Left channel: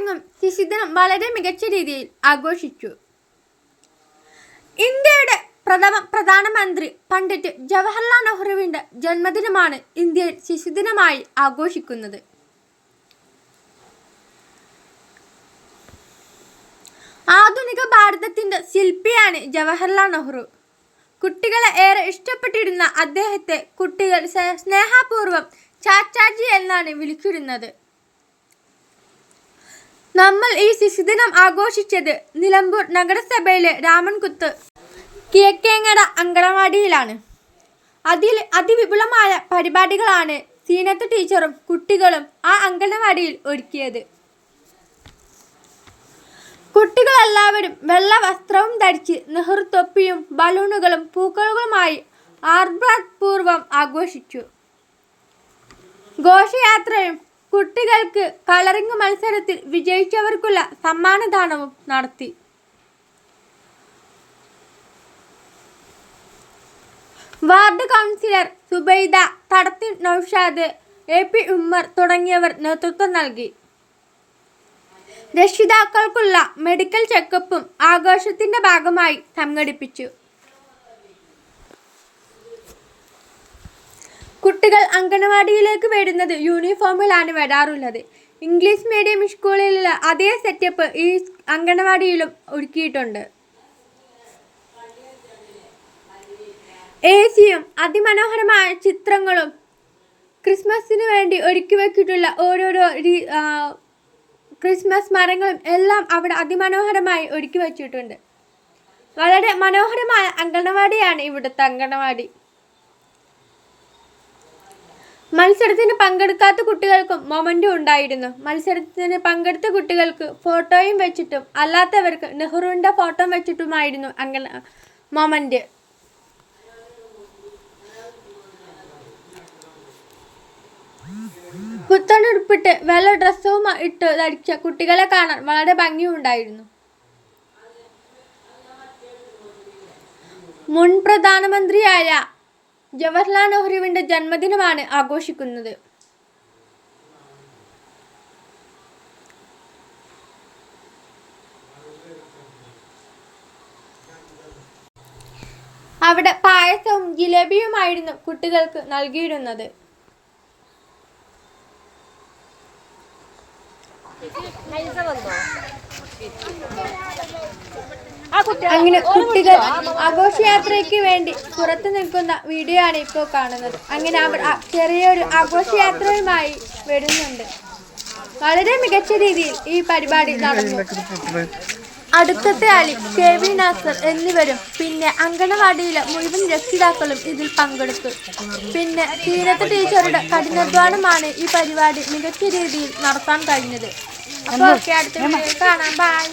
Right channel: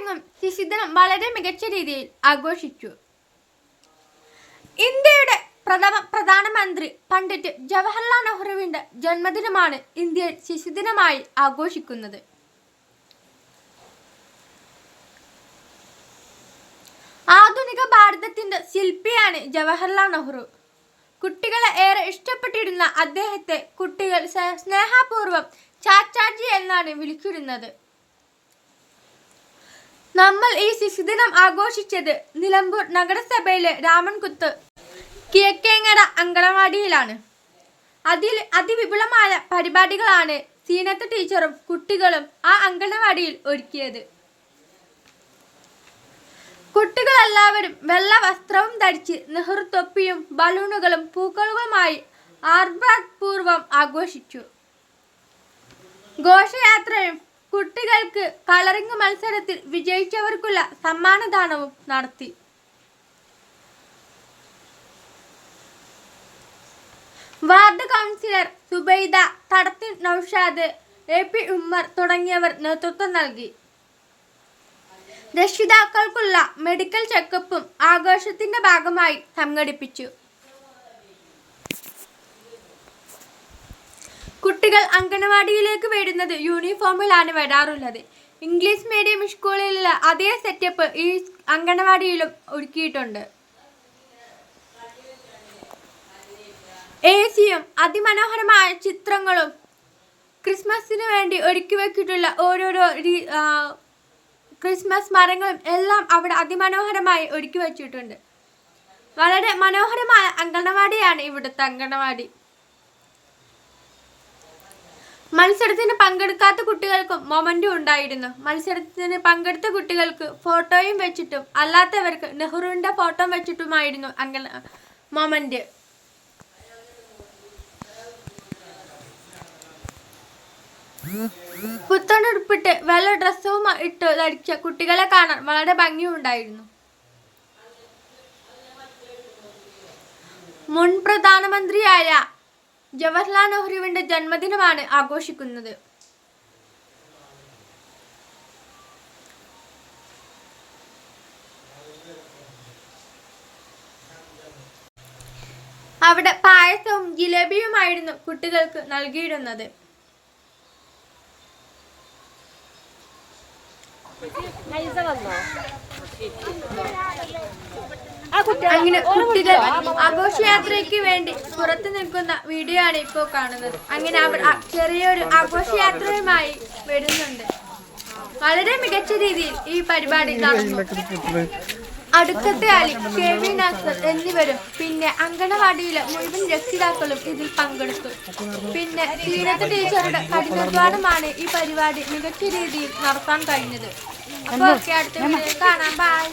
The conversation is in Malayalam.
നാടെങ്ങും ശിശുദിനം വളരെ മികച്ച രീതിയിൽ ആഘോഷിച്ചു. ഇന്ത്യയുടെ പ്രഥമ പ്രധാനമന്ത്രി പണ്ഡിറ്റ് ജവഹർലാൽ നെഹ്റുവിന്റെ ജന്മദിനമാണ് ഇന്ത്യയിൽ ശിശുദിനമായി ആഘോഷിക്കുന്നത്. ആധുനിക ഭാരതത്തിന്റെ ശില്പിയാണ് ജവഹർലാൽ നെഹ്റു. കുട്ടികളെ ഏറെ ഇഷ്ടപ്പെട്ടിരുന്ന അദ്ദേഹത്തെ കുട്ടികൾ സ്നേഹപൂർവം ചാച്ചാജി എന്നാണ് വിളിച്ചിരുന്നത്. നമ്മൾ ഈ ശിശുദിനം ആഘോഷിച്ചത് നിലമ്പൂർ നഗരസഭയിലെ രാമൻകുത്ത് കിഴക്കേങ്ങര അങ്കണവാടിയിലാണ്. അതിൽ അതിവിപുലമായ പരിപാടികളാണ് സീനത്ത് ടീച്ചറും കുട്ടികളും ആ അങ്കണവാടിയിൽ ഒരുക്കിയത്. കുട്ടികളെല്ലാവരും വെള്ള വസ്ത്രവും ധരിച്ച് നെഹ്റു തൊപ്പിയും ബലൂണുകളും പൂക്കളുകളുമായി ആർഭാപൂർവം ആഘോഷിച്ചു. ഘോഷയാത്രയും കുട്ടികൾക്ക് കളറിംഗ് മത്സരത്തിൽ വിജയിച്ചവർക്കുള്ള സമ്മാനദാനവും നടത്തി. വാർഡ് കൗൺസിലർ സുബൈദ തടത്തിൽ നൌഷാദ് എ പി ഉമ്മർ തുടങ്ങിയവർ നേതൃത്വം നൽകി. രക്ഷിതാക്കൾക്കുള്ള മെഡിക്കൽ ചെക്കപ്പും ആഘോഷത്തിന്റെ ഭാഗമായി സംഘടിപ്പിച്ചു. കുട്ടികൾ അങ്കണവാടിയിലേക്ക് വരുന്നത് യൂണിഫോമിലാണ് വരാറുള്ളത്. ഇംഗ്ലീഷ് മീഡിയം സ്കൂളിലുള്ള അതേ സെറ്റപ്പ് ഈ അംഗനവാടിയിലും ഒരുക്കിയിട്ടുണ്ട്. എ സിയും അതിമനോഹരമായ ചിത്രങ്ങളും ക്രിസ്മസിന് വേണ്ടി ഒരുക്കി വെച്ചിട്ടുള്ള ഓരോരോ ക്രിസ്മസ് മരങ്ങളും എല്ലാം അവിടെ അതിമനോഹരമായി ഒരുക്കി വച്ചിട്ടുണ്ട്. വളരെ മനോഹരമായ അങ്കണവാടിയാണ് ഇവിടുത്തെ അങ്കണവാടി മത്സരത്തിന് പങ്കെടുക്കാത്ത കുട്ടികൾക്കും മൊമെന്റും ഉണ്ടായിരുന്നു. മത്സരത്തിന് പങ്കെടുത്ത കുട്ടികൾക്ക് ഫോട്ടോയും വെച്ചിട്ടും അല്ലാത്തവർക്ക് നെഹ്റുവിന്റെ ഫോട്ടോ വെച്ചിട്ടുമായിരുന്നു അങ്ങനെ മൊമെന്റ്. പുത്തനുടുപ്പിട്ട് വെള്ള ഡ്രസ്സവും ഇട്ട് ധരിച്ച കുട്ടികളെ കാണാൻ വളരെ ഭംഗിയുണ്ടായിരുന്നു. മുൻ പ്രധാനമന്ത്രിയായ ജവഹർലാൽ നെഹ്റുവിന്റെ ജന്മദിനമാണ് ആഘോഷിക്കുന്നത്. അവിടെ പായസവും ജിലേബിയുമായിരുന്നു കുട്ടികൾക്ക് നൽകിയിരുന്നത്. അങ്ങനെ കുട്ടികൾ ആഘോഷയാത്രയ്ക്ക് വേണ്ടി പുറത്തു നിൽക്കുന്ന വീഡിയോ ആണ് ഇപ്പോൾ കാണുന്നത്. അങ്ങനെ അവർ ചെറിയൊരു ആഘോഷയാത്രയുമായി വരുന്നുണ്ട്. വളരെ മികച്ച രീതിയിൽ ഈ പരിപാടി നടന്നു. അടുക്കത്തെ അലി കെ വി നാസർ എന്നിവരും പിന്നെ അങ്കണവാടിയിലെ മുഴുവൻ രക്ഷിതാക്കളും ഇതിൽ പങ്കെടുത്തു. പിന്നെ തീരത്ത് ടീച്ചറുടെ കഠിനാധ്വാനമാണ് ഈ പരിപാടി മികച്ച രീതിയിൽ നടത്താൻ കഴിഞ്ഞത്. അപ്പോൾ അടുത്ത കാണാം. ബൈ